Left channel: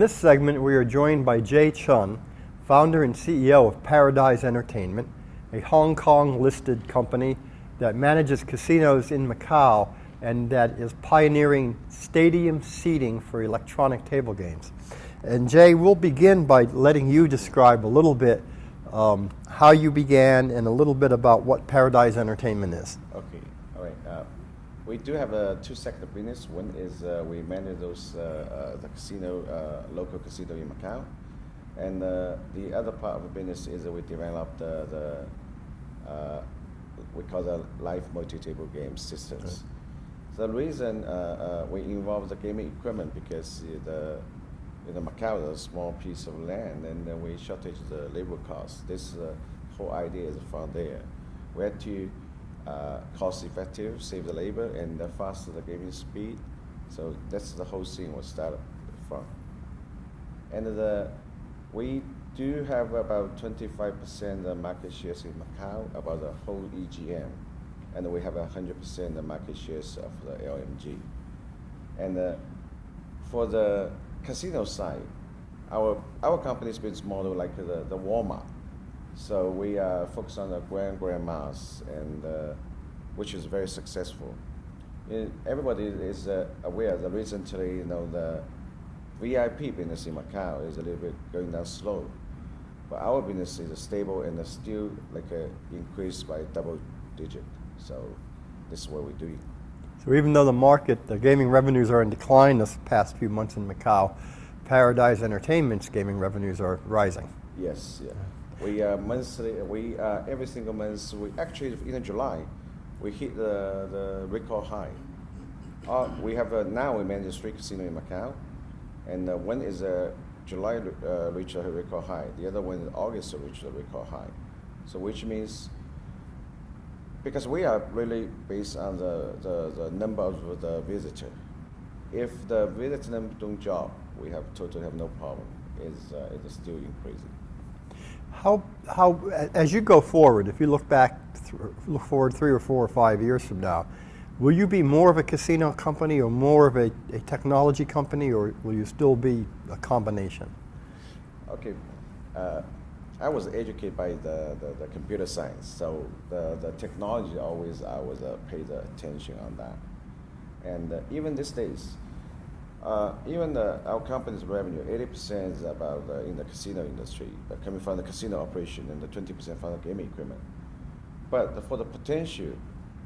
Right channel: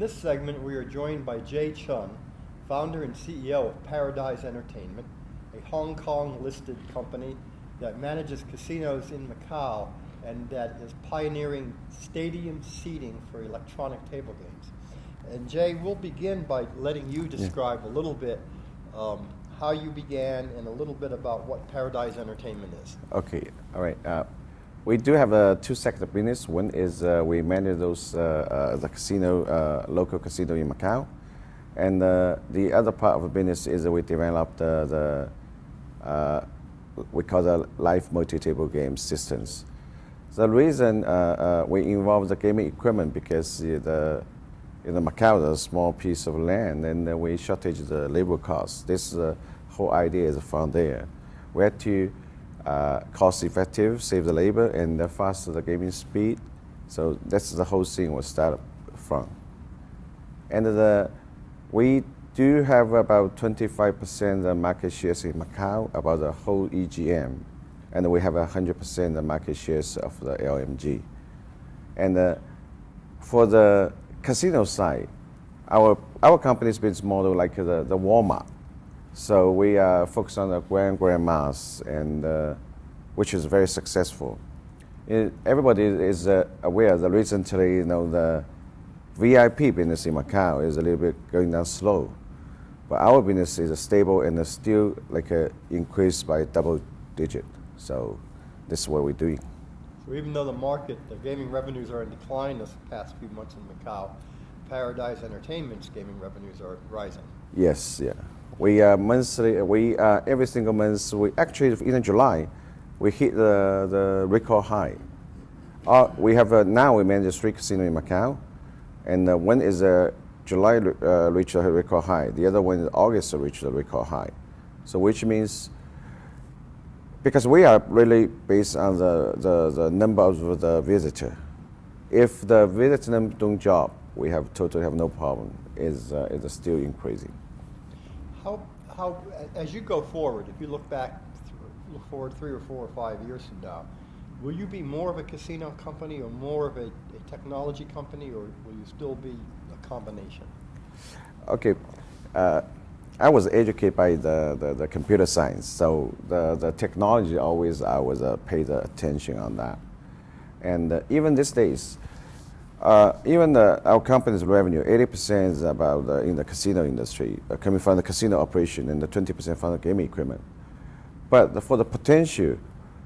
this segment, we are joined by Chun, founder and CEO of Paradise Entertainment, a Hong Kong-listed company that manages casinos in Macau and that is pioneering stadium seating for electronic table games. And Jay, we'll begin by letting you describe a little bit how you began and a little bit about what Paradise Entertainment is. Okay, all right. We do have two sector business. One is we manage those the casino, local casino in Macau, and the other part of the business is we develop the we call the live multi-table game systems. The reason we involve the gaming equipment because in Macau there's a small piece of land and we shortage the labor costs. This whole idea is from there. We had to cost effective, save the labor, and faster the gaming speed. So that's the whole thing was started from. And we do have about 25% the market shares in Macau about the whole EGM, and we have 100% the market shares of the LMG. And for the casino side, our company's business model like the Walmart. So we are focused on the grandmas, and which is very successful. Everybody is aware that recently, the VIP business in Macau is a little bit going down slow, but our business is stable and still increased by double digit. So this is what we're doing. So even though the gaming revenues are in decline this past few months in Macau, Paradise Entertainment's gaming revenues are rising. Yes, yeah. We monthly, every single month, we actually in July, we hit the record high. We have now we manage 3 casinos in Macau, and one is July reached a record high. The other one is August reached a record high. So which means, because we are really based on the number of the visitor. If the visitor number don't drop, we totally have no problem. It's still increasing. How as you go forward, if you look forward 3 or 4 or 5 years from now, will you be more of a casino company or more of a technology company, or will you still be a combination? Okay, I was educated by the computer science, so the technology always I was paid attention on that, and even these days, even our company's revenue, 80% is about in the casino industry, coming from the casino operation, and the 20% from the gaming equipment. But for the potential,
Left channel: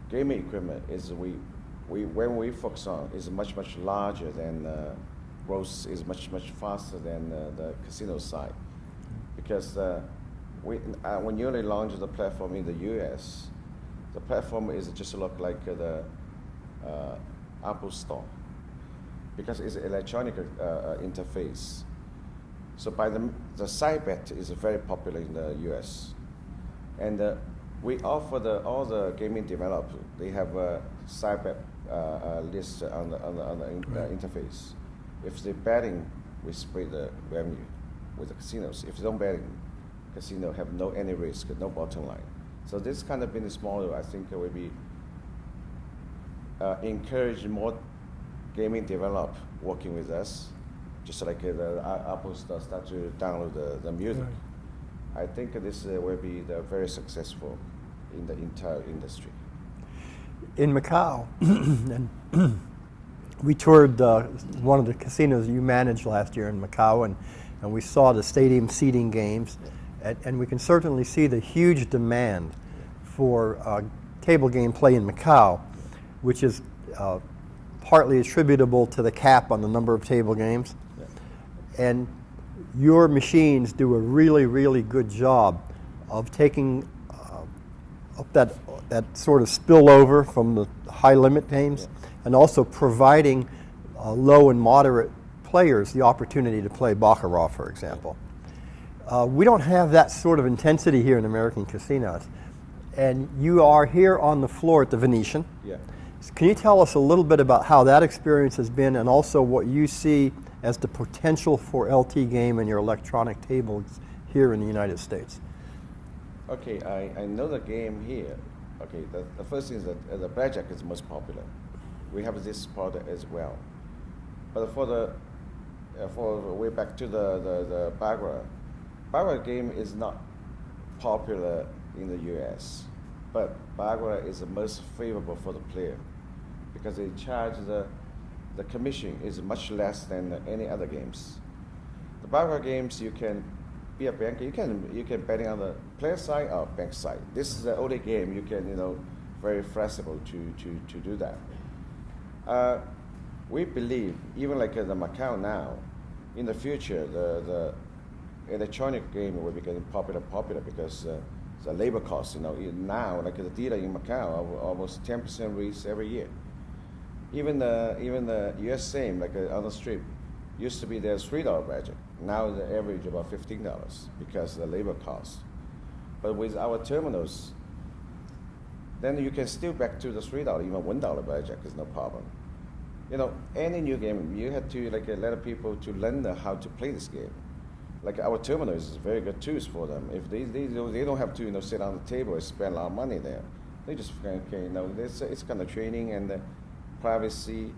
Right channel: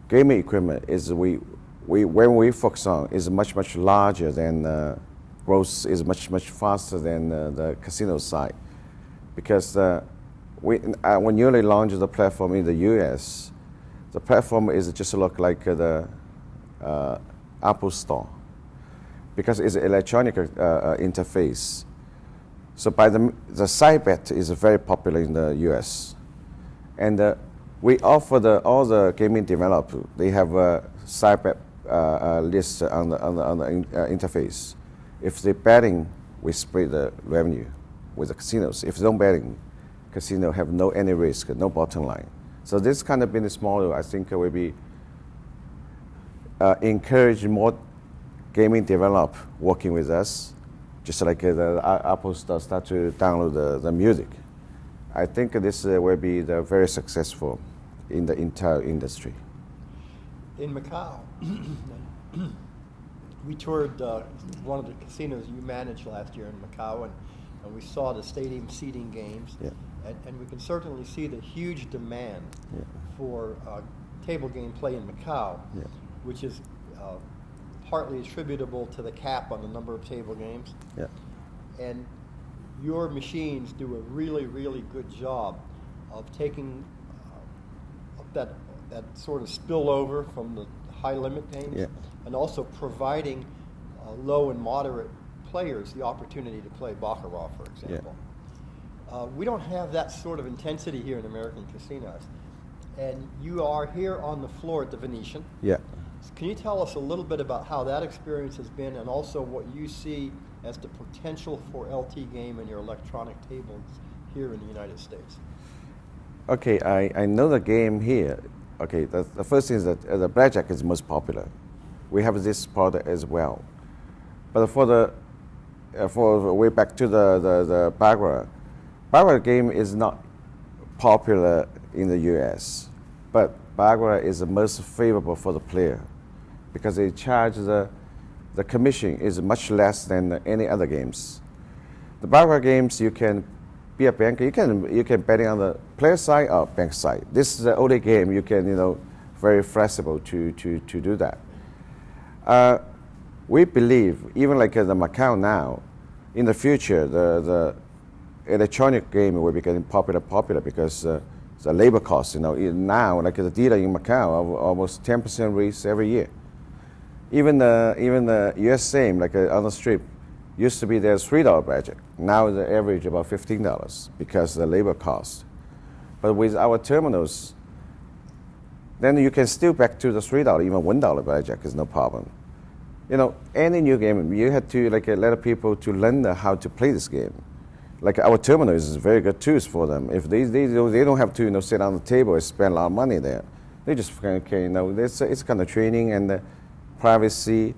gaming equipment is when we focus on is much larger than growth is much faster than the casino side, because when newly launched the platform in the U.S., the platform is just look like the Apple Store, because it's an electronic interface. So by the side bet is very popular in the U.S. And we offer all the gaming developers, they have a side bet list on the interface. If they're betting, we split the revenue with the casinos. If they don't betting, casino have any risk, no bottom line. So this kind of business model, I think, will be encourage more gaming develop working with us, just like the Apple Store start to download the music. I think this will be very successful in the entire industry. In Macau, we toured one of the casinos you managed last year in Macau, and we saw the stadium seating games, and we can certainly see the huge demand for table game play in Macau, which is partly attributable to the cap on the number of table games. Yeah. And your machines do a really good job of taking up that sort of spillover from the high limit games, and also providing low and moderate players the opportunity to play Baccarat, for example. We don't have that sort of intensity here in American casinos. And you are here on the floor at the Venetian. Yeah. Can you tell us a little bit about how that experience has been, and also what you see as the potential for LT game and your electronic tables here in the United States? Okay, I know the game here. Okay, the first thing is that the blackjack is most popular. We have this product as well. But for the for way back to the Baccarat. Baccarat game is not popular in the U.S., but Baccarat is the most favorable for the player because they charge the commission is much less than any other games. The Baccarat games, you can be a banker. You can bet on the player side or bank side. This is the only game you can very flexible to do that. We believe even like the Macau now, in the future the electronic game will be getting popular because the labor costs. Now like the dealer in Macau are almost 10% raise every year. Even the US same like on the strip used to be their $3 budget. Now the average about $15 because of the labor cost. But with our terminals, then you can still back to the $3, even $1 budget is no problem. Any new game, you have to let people to learn how to play this game. Like our terminal is very good tools for them. If they don't have to sit on the table and spend a lot of money there. They just it's kind of training and privacy.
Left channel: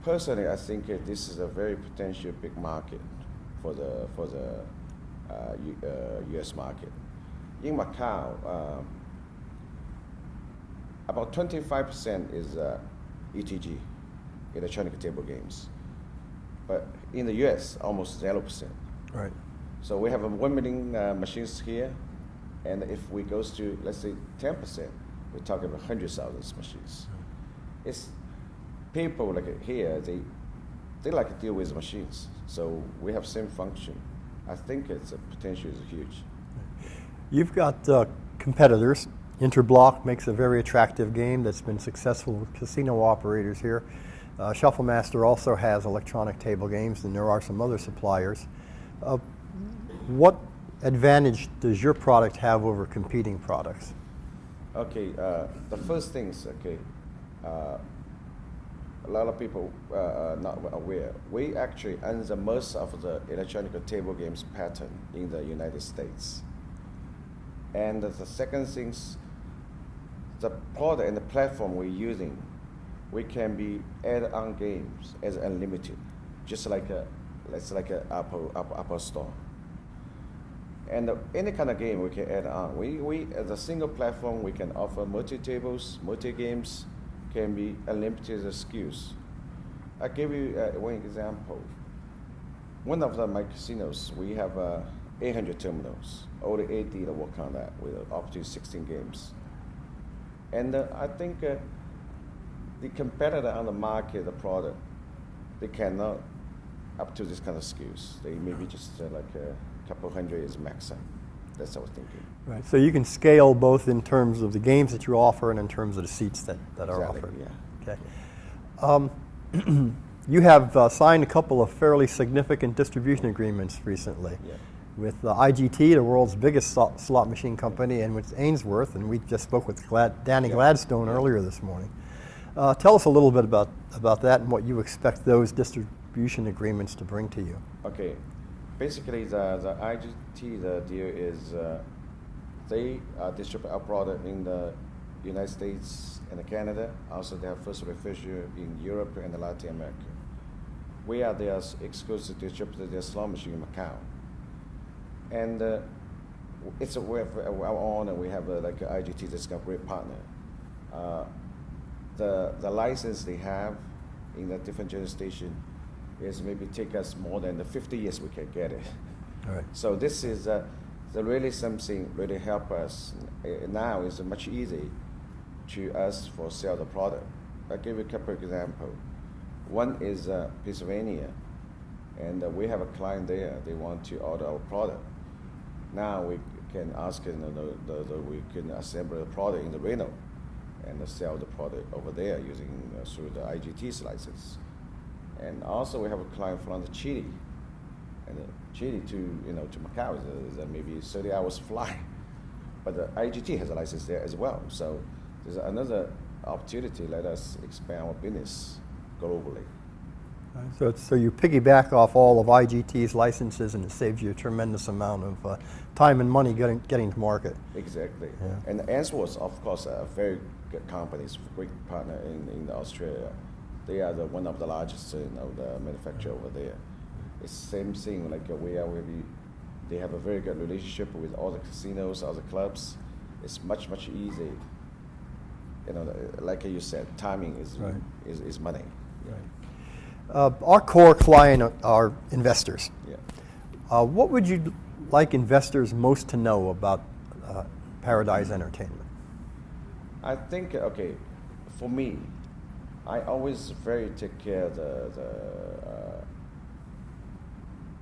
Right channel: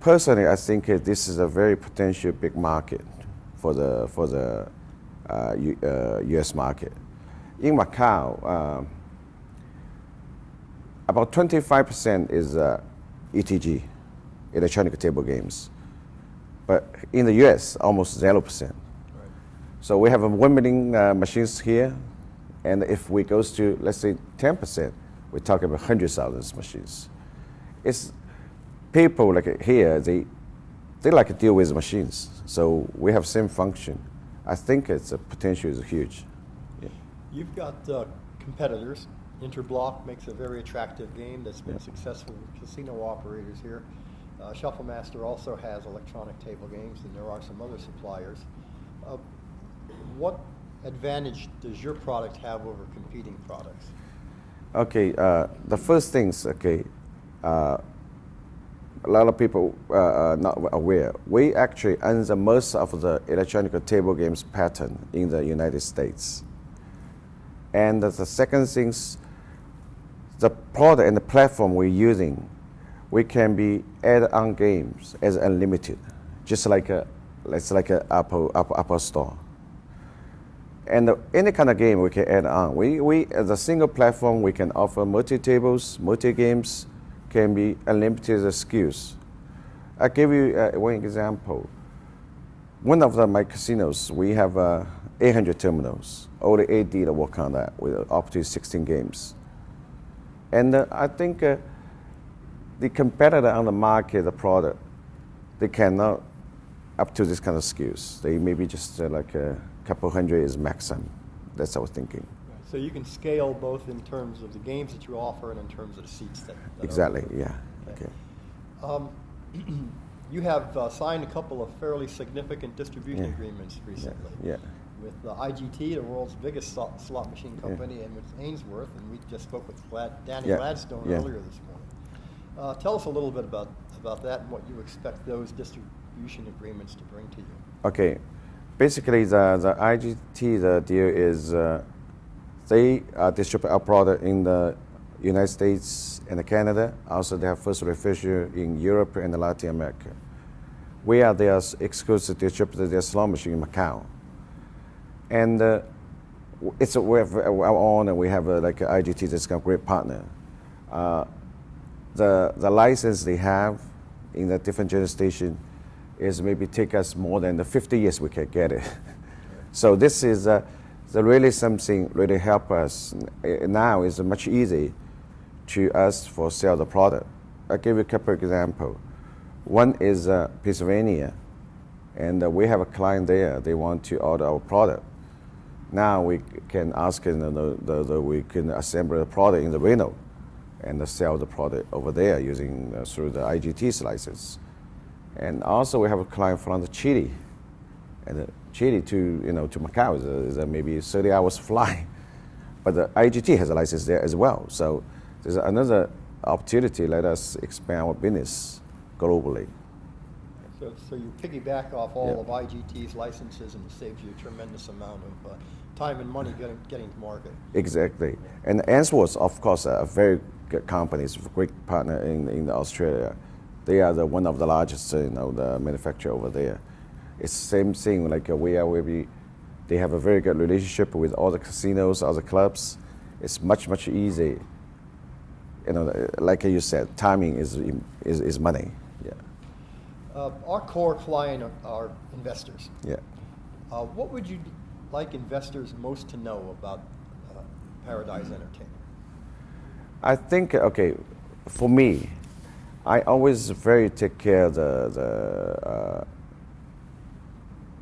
Personally, I think this is a very potential big market for the U.S. market. In Macau, about 25% is ETG, electronic table games, but in the U.S. almost 0%. Right. So we have 1 million machines here, and if we goes to let's say 10%, we're talking about 100,000 machines. It's people like here, they like to deal with machines. So we have same function. I think its potential is huge. You've got competitors. Interblock makes a very attractive game that's been successful with casino operators here. Shufflemaster also has electronic table games, and there are some other suppliers. What advantage does your product have over competing products? Okay, the first things, a lot of people are not aware. We actually own the most of the electronic table games pattern in the United States. And the second things, the product and the platform we're using, we can be add-on games as unlimited, just like it's like an Apple Store. And any kind of game we can add on. We as a single platform, we can offer multi-tables, multi-games, can be unlimited SKUs. I'll give you one example. One of my casinos, we have 800 terminals. Only 8 dealers work on that with up to 16 games. And I think the competitor on the market, the product, they cannot up to this kind of SKUs. They maybe just like a couple hundred is maximum. That's what I was thinking. Right. So you can scale both in terms of the games that you offer and in terms of the seats that exactly, are offered. Yeah. Okay. You have signed a couple of fairly significant distribution agreements recently. Yeah. With IGT, the world's biggest slot machine company, and with Ainsworth, and we just spoke with Danny Gladstone earlier this morning. Tell us a little bit about that and what you expect those distribution agreements to bring to you. Okay. Basically, the IGT, the deal is they distribute our product in the United States and Canada. Also, they have first refusal in Europe and Latin America. We are their exclusive distributor, their slot machine in Macau. And we have our own, and we have like IGT, that's a great partner. The license they have in the different jurisdiction is maybe take us more than the 50 years we can get it. Right. So this is really something really help us. Now is much easy to us for sell the product. I'll give you a couple of examples. One is Pennsylvania, and we have a client there. They want to order our product. Now we can ask we can assemble the product in the Reno and sell the product over there using through the IGT's license. And also we have a client from Chile, and Chile to Macau is maybe 30 hours fly, but the IGT has a license there as well. So there's another opportunity. Let us expand our business globally. So you piggyback off all of IGT's licenses, and it saves you a tremendous amount of time and money getting to market. Exactly. Yeah. And Ainsworth, of course, a very good company, great partner in Australia. They are one of the largest the manufacturer over there. It's the same thing. Like they have a very good relationship with all the casinos, all the clubs. It's much easier. You know, like you said, timing is money. Yeah. Our core client are investors. Yeah. What would you like investors most to know about Paradise Entertainment? I think, okay, for me, I always very take care of the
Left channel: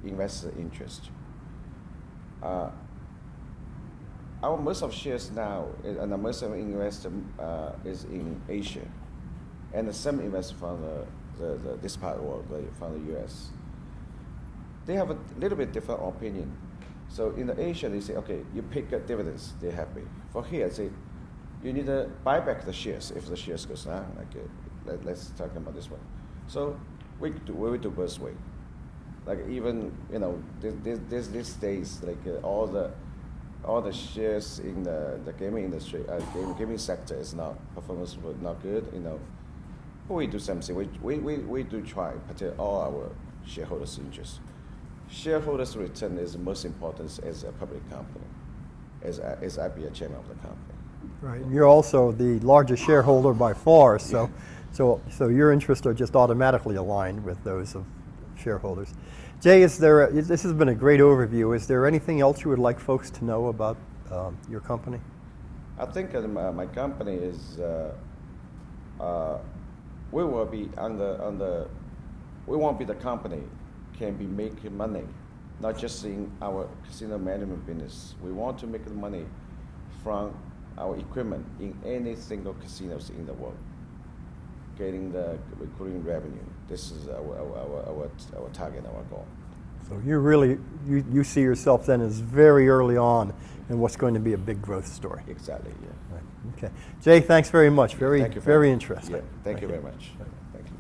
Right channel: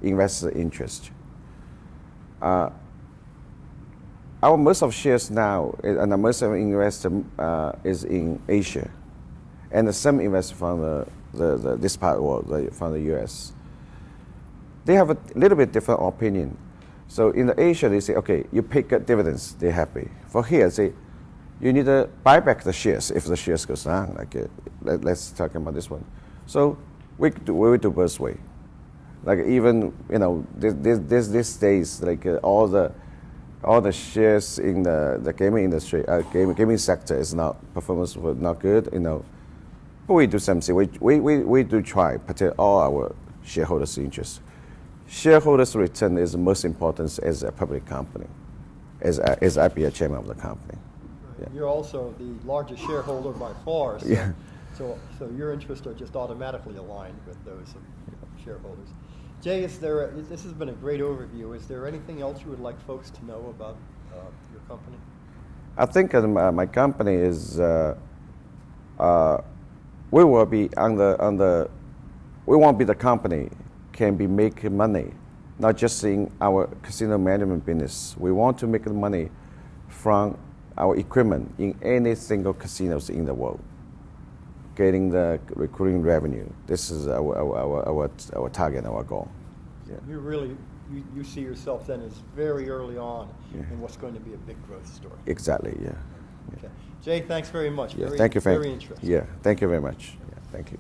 investor interest. Our most of shares now, and most of investor is in Asia, and some investor from this part of the world, like from the US. They have a little bit different opinion. So in the Asia, they say, okay, you pay good dividends, they're happy. For here, say, you need to buy back the shares if the shares goes down. Like, let's talk about this one. So we do both way. Like even, you know, these days, like all the shares in the gaming industry, gaming sector is not, performance was not good, you know. But we do something. We do try to protect all our shareholders' interests. Shareholders' return is the most important as a public company, as I be a chairman of the company. Right. Yeah. You're also the largest shareholder by far, so, Yeah. so your interests are just automatically aligned with those of shareholders. Jay, this has been a great overview. Is there anything else you would like folks to know about your company? I think my company is, we will be we won't be the company can be making money, not just in our casino management business. We want to make money from our equipment in any single casinos in the world, getting the recurring revenue. This is our target, our goal. So you really, you see yourself then as very early on in what's going to be a big growth story. Exactly, yeah. Okay. Jay, thanks very much. Thank you, Very interesting. Yeah, thank you very much. Yeah, thank you.